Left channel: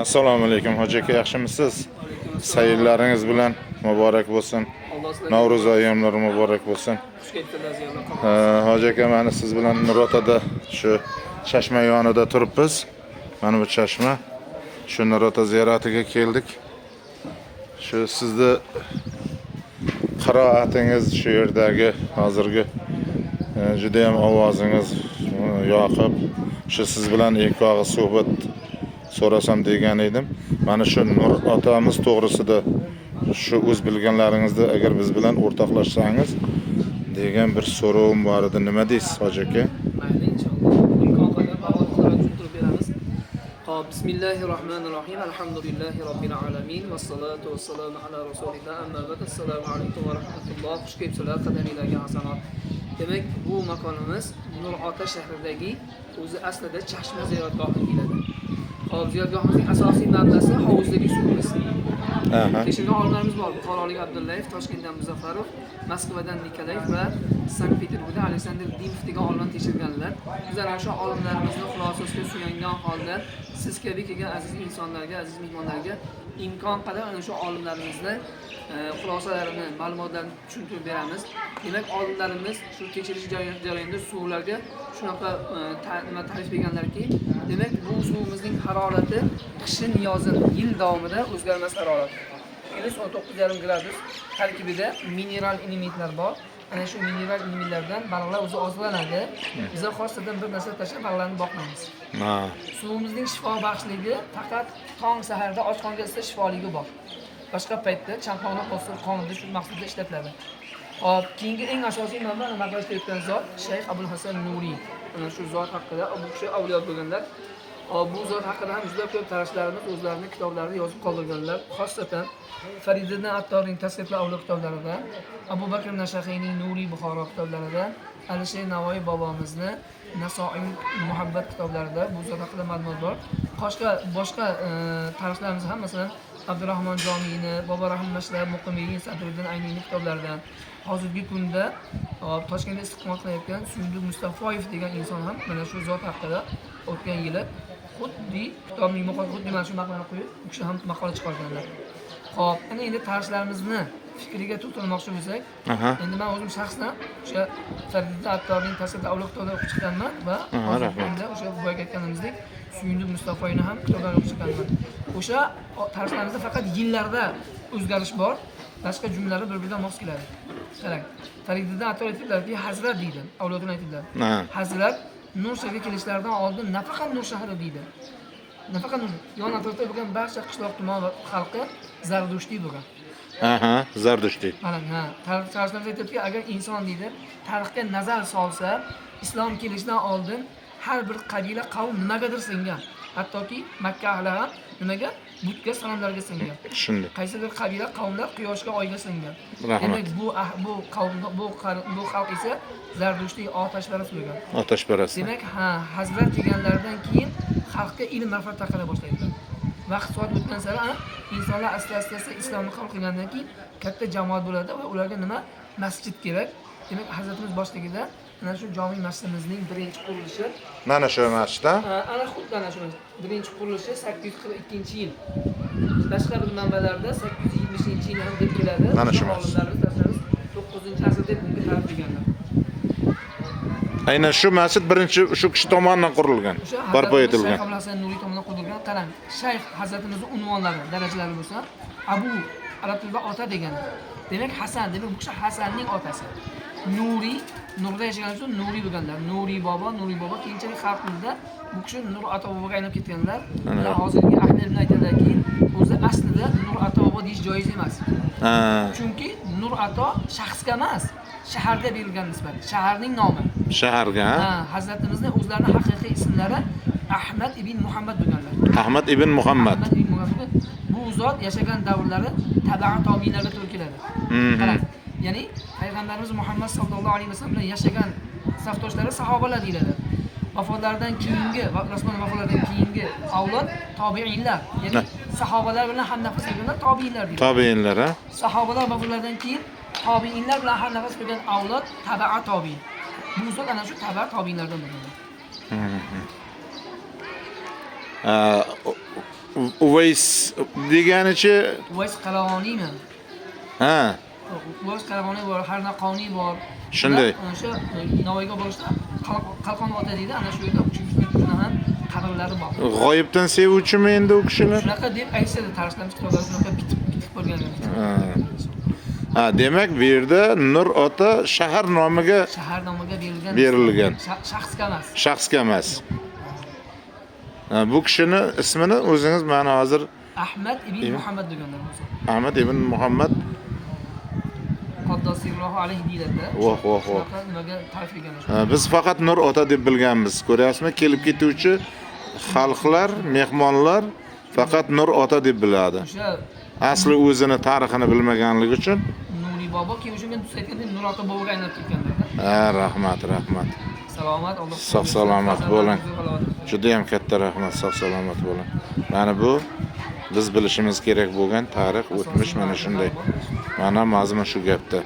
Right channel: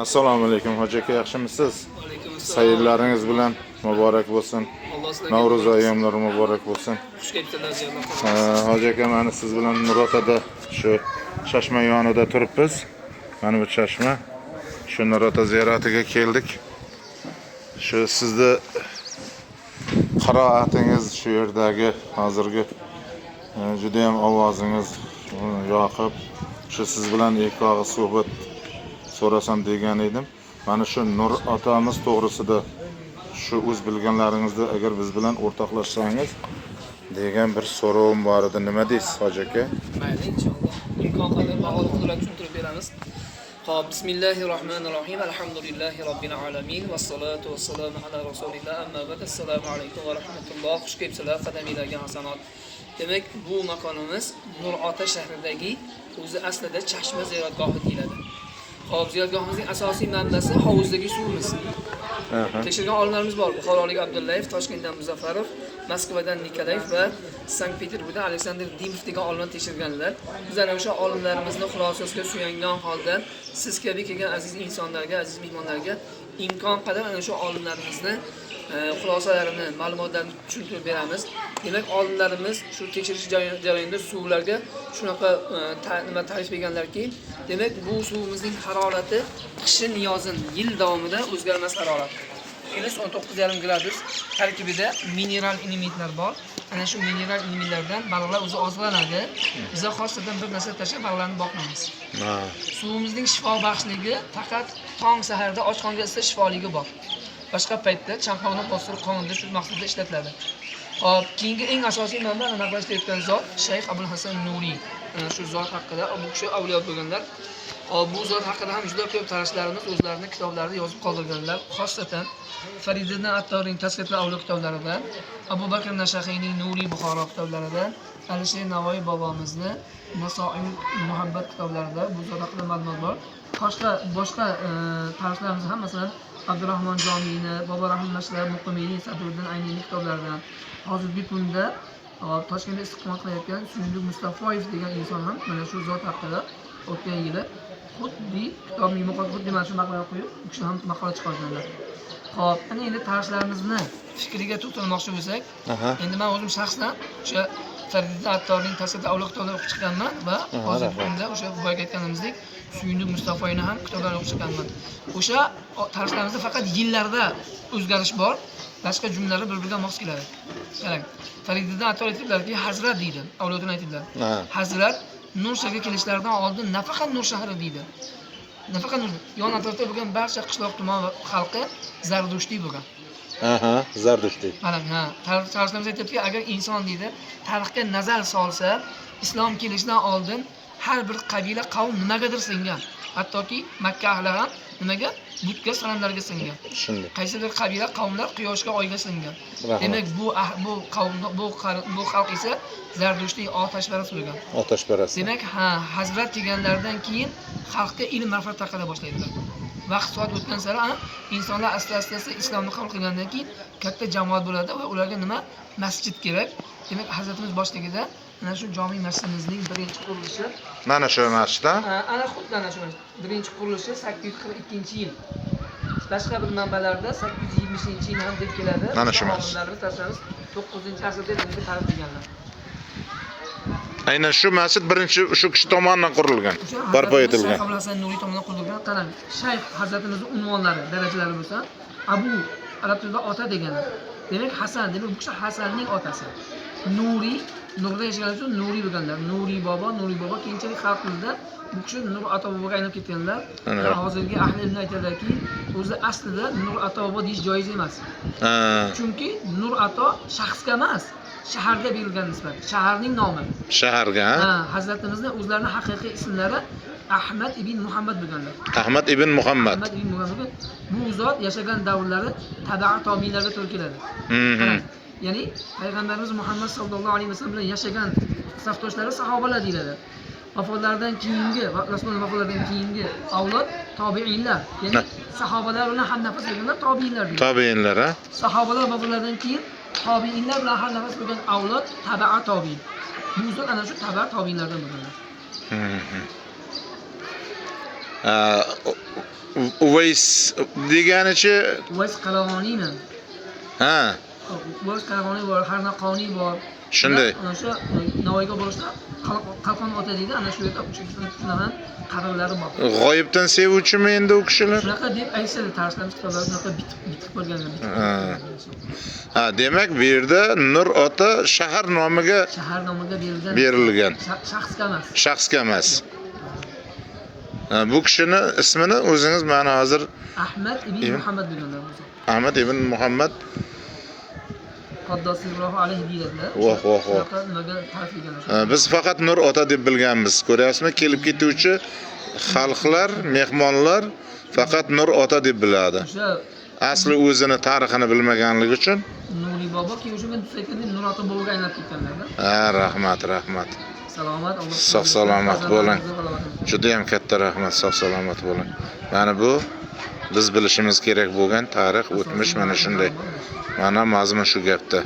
Assalomu alaykum hoji aka, yaxshimisiz? Alaykum assalom. Sayillarınız bilan muborak bo'lsin. Alloh sizlarga Navro'z ayyomlari muborak bo'lsin. xush kelibsizlar jiyanlar. Hoji aka, mana siz bilan Nurotada shu Chashma yonida turibmiz. Mana bu Chashma. Shu Nurota ziyoratiga keldik. Shu sizni qiroatingiz shu yerdagi hozirgi juda ham ovozingiz yoqib, shu siz bilan ikki og'iz suhbat so'rasam degan edim. Mana shu Nur otamiz to'g'risida shu o'z bilganlaringizni agar biz bilan o'rtoqlashsangiz degan bir so'rovim bor edi. Nima deysiz hoji aka? Mayli, inshaalloh. Imkon qadar ma'lum qilib tushuntirib beramiz. Xo'p, bismillahirrohmanirrohim. Alhamdulillahi robbil alamin. Vassalatu vassalamu ala rasulillah. Amma ba'd. Assalomu alaykum va rahmatulloh. Xush kelibsizlar qadamiylarga hasanot. Demak, bu makonimiz Nurota shahridagi o'zi aslida Chashma ziyoratgohi deyiladi. Hop, ziyoratgohimizning asosiy manbasi hovuzdagi suvimiz. Tekshirgan olimlarimiz bor. Buxorolik Abdullayev, Toshkentdan Muzaffarov, Moskvadan Nikolayev va Sankt-Peterburgdan Aleksandr Dimov degan olimlar tekshirganlar. Bizlar o'sha olimlarimizni xulosasiga suyangan holda siz kabi kelgan aziz insonlarga, aziz mehmonlarga imkon qadar ana shu olimlarimizni xulosalarini, ma'lumotlarini tushuntirib beramiz. Demak, olimlarimiz shu tekshirish jarayonida suvlarga shunaqa ta'rif berganlarki, demak, bu suvimizning harorati qishin yozin yil davomida o'zgarmas harorat. Minus 19,5 gradus tarkibida mineral elementlar bor. Ana shu mineral elementlardan baliqlar o'zi oziqlanadi. Biz xosatan bir narsa tashlab baliqlarni boqmaymiz. Suvimizning shifo baxshligi faqat tong saharda och qonga esa shifoligi bor. Boshqa paytda chanqoqni bostirib qonda shu maqsadda ishlatiladi. Hop, keyingi eng asosiy manba naqlashtirayotgan zot Shayx Abul Hasan Nuriy. Shu zot haqida bu kishi avliyo bo'lganlar. Bu zot haqida ham juda ko'p tarixlarini, so'zlarini, kitoblarida yozib qoldirganlar. Xosatan Fariddin Attorining Tasqitli avliyo kitoblarida, Abu Bakr Nashaqiyning Nuriy Buxoro kitoblarida, Alisher Navoiy bobomizni Nasoiy muhabbat kitoblarida bu zot haqida ma'lumot bor. Boshqa tarixlarimiz ham masalan Abdurrahmon Jomiyni, Bobur Rahimashlar, Muqimiy, Sadruddin Ayniyning kitoblaridan. Hozirgi kunda Toshkentda istiqomat qilayotgan Suyunli Mustafoyev degan inson ham mana shu zot haqida o'tgan yili xuddi kitobning muqaddimasiga mana shu maqolani qo'yib, u kishi ham maqola chiqarganlar. Xo'p, endi tarixlarimizning fikriga to'xtalmoqchi bo'lsak, endi men o'zim shaxsan o'sha Fariddin Attorining Tasavvuf avliyo kitoblarini o'qib chiqqanman va hozirgi kunda o'sha boyagi aytganimizdek Suyunli Mustafoyni ham kitoblarini o'qib chiqqanman. O'sha tarixlarimizda faqat yillarda o'zgarish bor, boshqa jumlalar bir-biriga mos keladi. Qarang, Fariddin Attor aytiblarki, Hazrat deydi, avliyodan aytiblar. Hazrat Nur shaharga kelishlaridan oldin nafaqat Nur shahri deydi. Nafaqat Nur, yon atrofda bo'lgan barcha qishloq tuman xalqi Zardushti bo'lgan. Zardushti. Mana, tarixlarimiz aytibki, agar inson deydi, tarixga nazar solsa, islom kelishidan oldin har bir qabila qavm nimagadir singan. Hattoki Makka ahli ham nimaga? Butga, sanamlarga singan. Shunday. Qaysi bir qabila qavmlar quyoshga, oyga singan. Demak, bu qavm bu xalq esa Zardushti otashparast bo'lgan. Otashparast. Demak, Hazrat kelganlaridan keyin xalqqa ilm ma'rifat tarqala boshlaydilar. Vaqt soat o'tgan sari insonlar asta-asta islomni qabul qilgandan keyin katta jamoat bo'ladi va ularga nima? Masjid kerak. Demak, Hazratimiz boshligida ana shu jami masjidimizning birinchi qurilishi. Mana shu masjidda? Ana xuddi ana shu birinchi qurilishi 842-yil. Boshqa bir manbalarda 820-yil ham deb keladi. Mana shu masjid. 9-asrda bunga ta'rif qilganlar. Aynan shu masjid birinchi shu kishi tomonidan qurilgan, barpo etilgan. Shayx Abul Hasan Nuriy tomonidan qurilgan. Qarang, Shayx Hazratimizning unvonlari, darajalari bo'lsa, Abu arab tilida ota degani. Demak, Hasan, demak bu kishi Hasanning otasi. Nuriy, Nurda yashagan uchun Nuriy bo'lganlar. Nuriy bobo keyinchalik xalq tilida bu kishi Nur ota boboga aylanib ketganlar. Hozirgi ahli ilm aytadiki, o'zi aslida Nur ota bobo deyish joiz emas. Chunki Nur ota shaxsga emas, shaharga berilgan nisbat, shaharning nomi. Shaharga? Hazratimizning o'zlarining haqiqiy ismlari Ahmad ibn Muhammad bo'lganlar. Ahmad ibn Muhammad. Bu zot yashagan davrlari tabi'a tobiinlarga to'g'ri keladi. Ya'ni payg'ambarimiz Muhammad sallallohu alayhi vasallam bilan yashagan safdoshlari sahobalar deyiladi. Vafotlaridan keyingi va Rasululloh vafotlaridan keyingi avlod tobiinlar, ya'ni sahobalar bilan ham nafas bo'lganlar tobiinlar deyiladi. Tobiinlar, sahobalar vafotlaridan keyin tobiinlar bilan har nafas bo'lgan avlod tabi'a tobiin. Bu zot ana shu tabi'a tobiinlardan bo'lganlar. Uvays deganichi Uvays Qaravoniymi? ha, Uvays Qaravoniy bor, Harnaqoniy bor. shunday. O'sha Navoiyga borishda Qalqon ota deydi, ana shu yerda ham qabrlari bor. G'oyibdan sevuvchimi endi u kishilar? Shunaqa deb aytishadi, tarixlarimiz kitoblarda shunaqa bitib qolgan. Ha, demak bu yerda Nur ota shahar nomiga Shahar nomiga berilgan. Shaxsga emas. Shaxsga emas. Bu kishini ismini o'zingiz mana hozir Ahmad ibn Muhammad deganlar o'zi. Ahmad ibn Muhammad Qaddosiyrohu alayhi deyiladi. Voh. Nimaga ta'rif qilganlar? Biz faqat Nur ota deb bilganmiz. Ko'ryapsizmi? Kelib ketuvchi xalqlar, mehmonlar faqat Nur ota deb biladi. O'sha Asli o'zini tarixini bilmaganligi uchun. Nuri bobo kim o'sha men aytgandek Nur ota boboga aylanib ketganlar. Ha, rahmat. Salomat, Alloh Sog' salomat bo'ling. Juda ham katta rahmat, sog' salomat bo'ling. Mana bu biz bilishimiz kerak bo'lgan tarix, o'tmish mana shunday. Mana mazmun shu gapda.